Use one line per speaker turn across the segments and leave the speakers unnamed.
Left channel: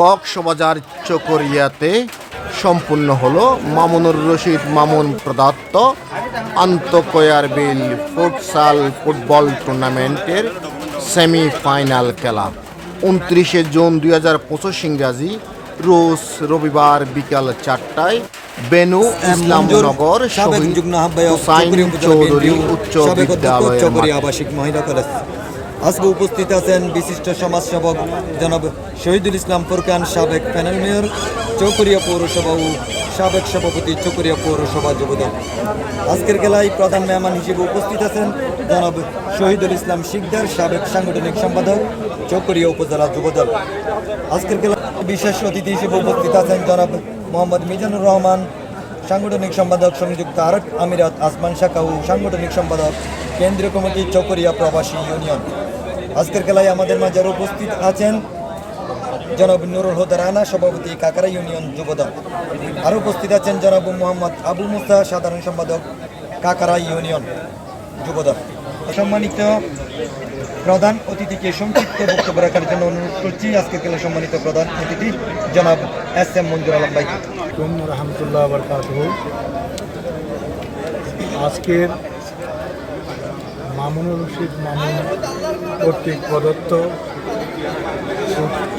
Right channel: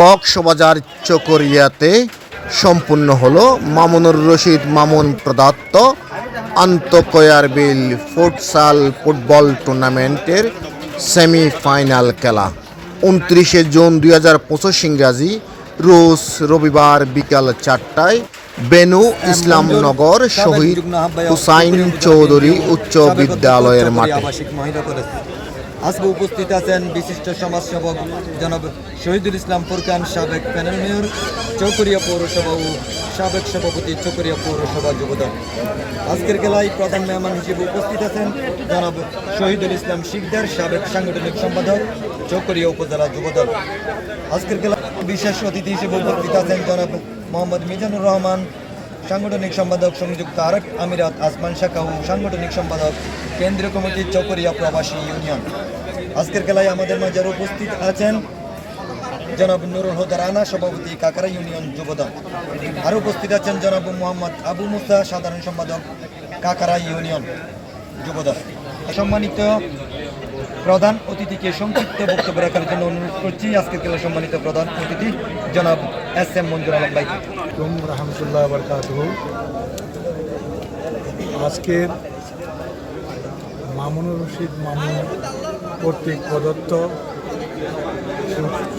কক্সবাজার চকরিয়াতে সম্পূর্ণ হলো মামুনুর রশিদ মামুন প্রদত্ত আন্তকয়ারবিল ফুটসাল ফুটবল টুর্নামেন্টের সেমিফাইনাল খেলা। উনত্রিশে জুন দুই হাজার পঁচিশ ইংরাজি রোজ রবিবার বিকাল চারটায় বেনু ইসলামনগর শহীদ হুসাইন চৌধুরী উচ্চ বিদ্যালয়ের মাঠে।
আবাসিক মহিলা কলেজ। আজকে উপস্থিত আছেন বিশিষ্ট সমাজসেবক জনাব শহীদুল ইসলাম ফুরকান, সাবেক প্যানেল মেয়র, চৌকরিয়া পৌরসভা ও সাবেক সভাপতি চৌকরিয়া পৌরসভা যুবদল। আজকের খেলায় প্রধান মেহমান হিসেবে উপস্থিত আছেন জনাব শহীদুল ইসলাম শিকদার, সাবেক সাংগঠনিক সম্পাদক, চৌকরিয়া উপজেলা যুবদল। আজকের খেলা বিশেষ অতিথি হিসেবে উপস্থিত আছেন জনাব মোহাম্মদ মিজানুর রহমান সাংগঠনিক সম্পাদক সংযুক্ত আরব আমিরাত আসমান শাখা ও সাংগঠনিক সম্পাদক কেন্দ্রীয় কমিটি চকরিয়া প্রবাসী ইউনিয়ন। আজকের খেলায় আমাদের মাঝে আরও উপস্থিত আছেন জনাব নুরুল হুদা রানা, সভাপতি কাকারা ইউনিয়ন যুবদল। আরও উপস্থিত আছেন জনাব মোহাম্মদ আবু মুসা, সাধারণ সম্পাদক কাকারা ইউনিয়ন যুবদল। সম্মানিত প্রধান অতিথিকে সংক্ষিপ্ত বক্তব্য রাখার জন্য অনুরোধ করছি। আজকের খেলা সম্মানিত প্রধান অতিথি জনাব এস এম মঞ্জুর আলম ভাইকে।
আলাইকুম রহমতুল্লাহ বরকাত আজকের মামুনুর রশিদ মামুন কর্তৃক প্রদত্ত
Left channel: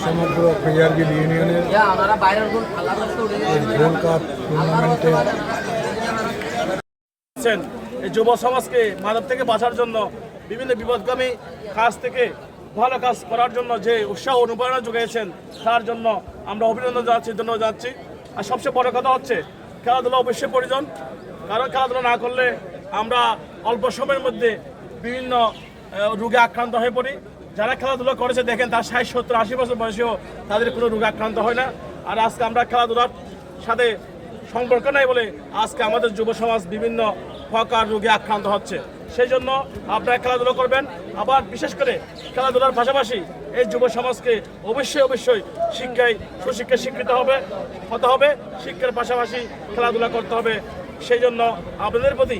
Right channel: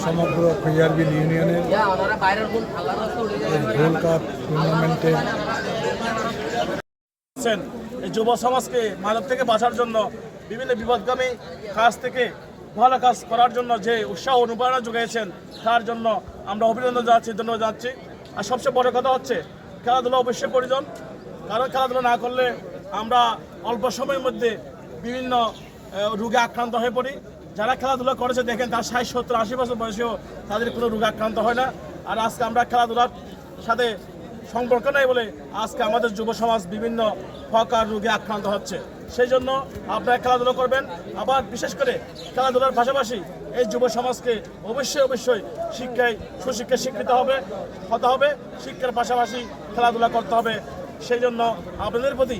সমগ্র খৈয়ারবিল ইউনিয়নের গোল্ড কাপ টুর্নামেন্টে
যুব সমাজকে মাদক থেকে বাঁচার জন্য, বিভিন্ন বিপদগামী কাজ থেকে ভালো কাজ করার জন্য যে উৎসাহ অনুপ্রেরণা যোগাইছেন, তার জন্য আমরা অভিনন্দন জানাচ্ছি, ধন্যবাদ জানাচ্ছি। আর সবচেয়ে বড় কথা হচ্ছে, খেলাধুলা অবশ্যই প্রয়োজন। কারণ খেলাধুলা না করলে আমরা অল্প সময়ের মধ্যে বিভিন্ন রোগে আক্রান্ত হয়ে পড়ি। যারা খেলাধুলা করেছে, দেখেন তার ষাট, সত্তর, আশি বছর বয়সেও তাদের কোনো রোগে আক্রান্ত হয় না। আর আজকে আমরা খেলাধুলার সাথে সম্পর্ক নেই বলে আজকে আমাদের যুব সমাজ বিভিন্ন ফকার রোগে আক্রান্ত হচ্ছে। সেই জন্য আপনারা খেলাধুলা করবেন। আবার বিশেষ করে খেলাধুলার পাশাপাশি এই যুব সমাজকে অবশ্যই অবশ্যই শিক্ষায় সুশিক্ষায় শিক্ষিত হবে, হতে হবে। শিক্ষার পাশাপাশি খেলাধুলা করতে হবে। সেই জন্য আপনাদের প্রতি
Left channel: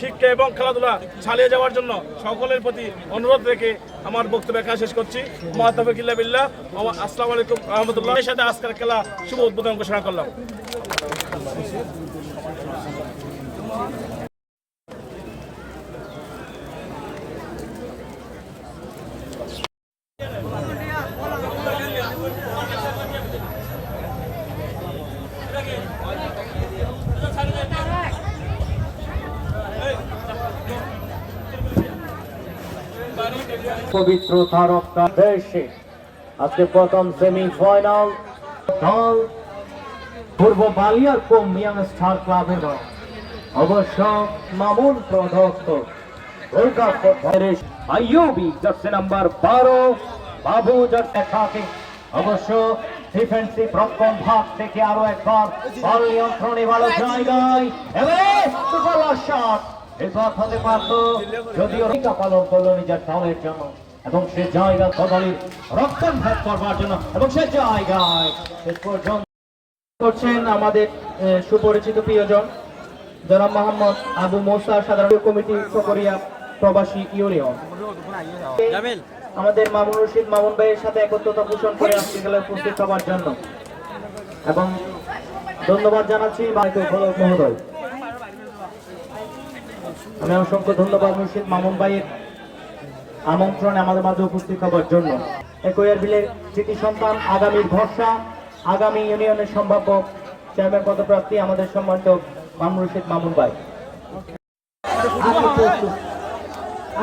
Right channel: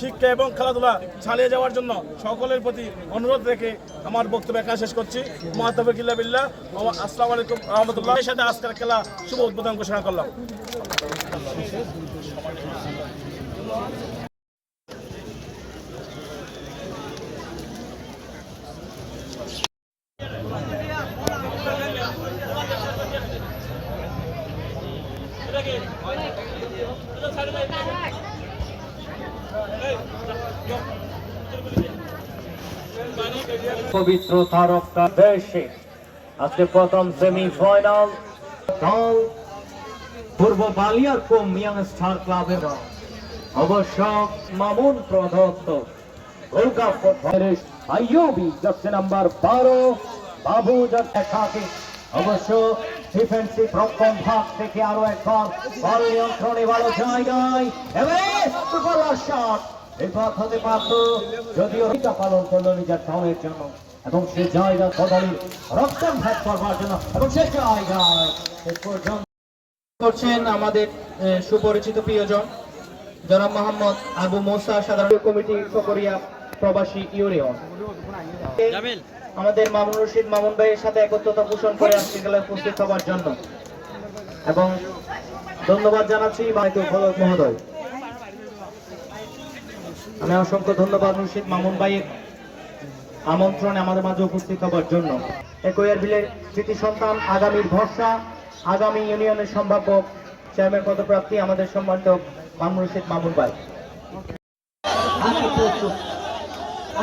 শিক্ষা এবং খেলাধুলা চালিয়ে যাওয়ার জন্য সকলের প্রতি অনুরোধ রেখে আমার বক্তব্য এখানে শেষ করছি। মহাতাবিল্লা বিল্লাহ। আসসালামু আলাইকুম। রহমতুল্লাহ। সাথে আজকের খেলা শুভ উদ্বোধন ঘোষণা করলাম।
পবিত্র তারকা দেশে আজকে প্রথম সেমিফাইনাল দল পূর্ব বালিয়ারকম মিয়াং স্টার ক্লাবের অবশ্য মামুন প্রদত্ত আইয়ুবি জার্সি নাম্বার বারো বাবু জার্সি। অবশ্য ডিফেন্সিভ ভাগ থেকে আরও একবার বল নিয়ন্ত্রণে ভালো জায়গায়। এবারে হতে পারত যদিও ভূমিকা পালন করল নিজের দলের জন্য এবং সে জায়গা রক্ষণ ভাগ করবার জন্য এবং সে জায়গায়
করছেন আমাদের সুপরিচিত প্রিয়জন জনাব মোহাম্মদ আবু মোসা সাধারণ কমিটি প্রবাসী ইউনিয়ন। আমাদের মামুন রশিদ, মামুন ভাইয়ের সাথে একত্রতা পোষণ করে আজকে গেলে উপস্থিত হওয়ার জন্য। এবং ধন্যবাদ জানাচ্ছি মাইকেল ফলক মহোদয়। আমি অসংখ্য ধন্যবাদ রশিদ, মামুন ভাইয়ের আমন্ত্রণে আমাদের মাঝে উপস্থিত হওয়ার জন্য। একইয়ার বিলের কৃতি সন্তান আগামীর ভরসা, আগামী ইউনিয়নের সম্ভাব্য চেয়ারম্যান পদপ্রার্থী আমাদের সম্মানিত মামুন রশিদ, মামুন ভাই।
আগে প্রস্তুত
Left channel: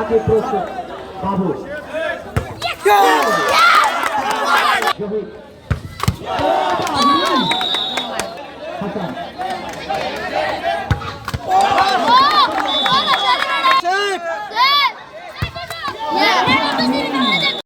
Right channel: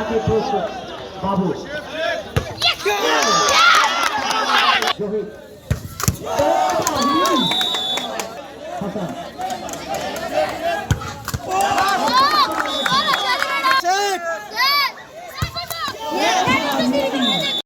আগে প্রস্তুত, বাবু। শহীদ হাসান